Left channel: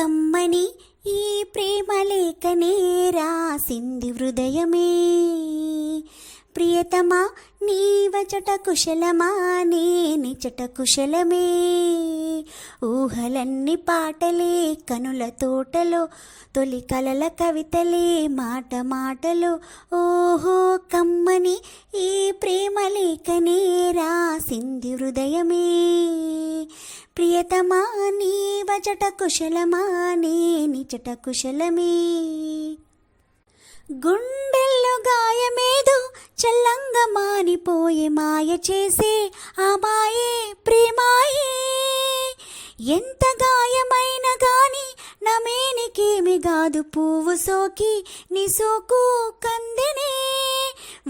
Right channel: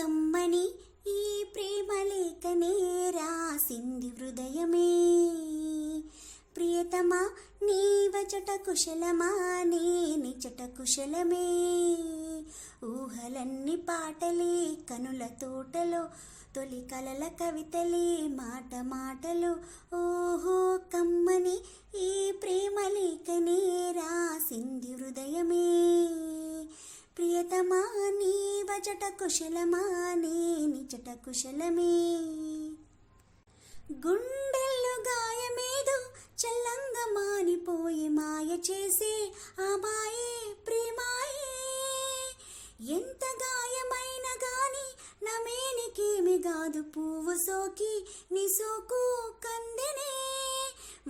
కమ్మని ఈ ప్రేమ లేఖనే రాసింది హృదయమే. ప్రియతమా నీవ వచట కుశలమా నే కుశలమే. ఊహలన్ని పాటలే కనుల తోటలో తొలి కలల కవితలే మాట మాటలో. ఓహో కమ్మని ఈ ప్రేమ లేఖనే రాసింది హృదయమే. ప్రియతమా నీ వచట కుశలమా నే నిచట కుశలమే. గుండెల్లో గాయమేదో చల్లంగా మానిపోయే మాయ చేసే ఆ మాయే ప్రేమాయే. ఎంత గాయమైన గాని నమేనికేమి కాదు పువ్వు సోకి నీ సోకు కందెనే.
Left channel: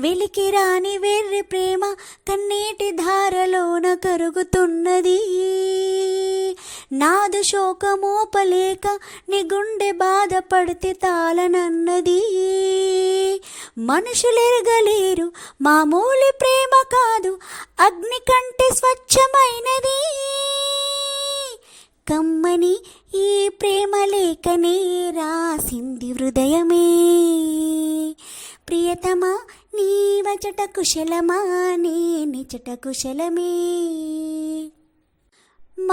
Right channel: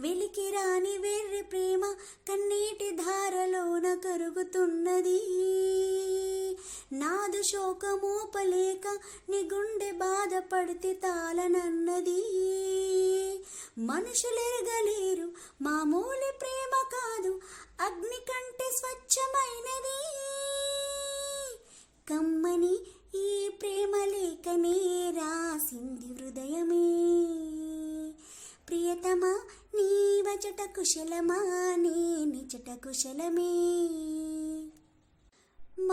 వెలికి రాని వెర్రి ప్రేమ కన్నీటి ధారలోన కరుగుతున్నది. నాదు శోకమోపలేక నీ గుండె బాధపడితే తాళనన్నది. మనుషులెరగలేరు మామూలు ప్రేమ కాదు అగ్ని కంటే స్వచ్ఛమైనది. కమ్మని ఈ ప్రేమ లేఖనే రాసింది హృదయమే. ప్రియతమా నీవచట కుశలమా నీ నిచట కుశలమే.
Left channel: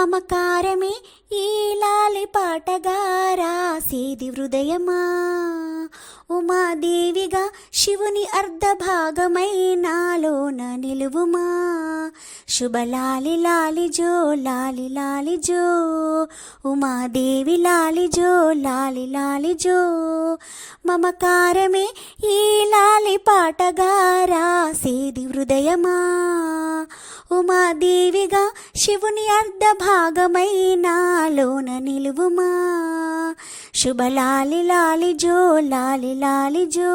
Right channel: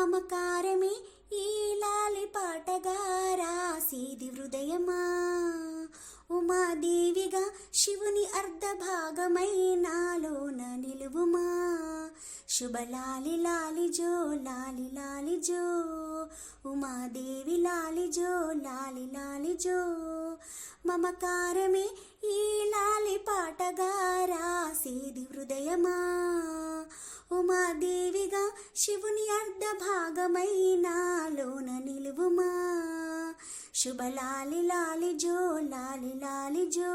మమకారమే ఈ లాలి పాటగా రాసేది హృదయమా? ఉమాదేవిగా శివుని అర్ధ భాగమై నాలోన నిలువుమా? శుభలాలి లాలి జో లాలి లాలి జో. ఉమాదేవి లాలి జో లాలి లాలి జో. మమకారమే ఈ లాలి పాటగా రాసేది హృదయమా? ఉమాదేవిగా శివుని అర్ధ భాగమై నాలోన నిలువుమా. శుభలాలి లాలి జో లాలి లాలి జో.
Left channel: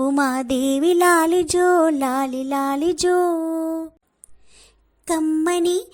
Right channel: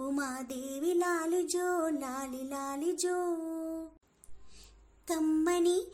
ఉమాదేవి లాలి జో లాలి లాలి జో. కమ్మని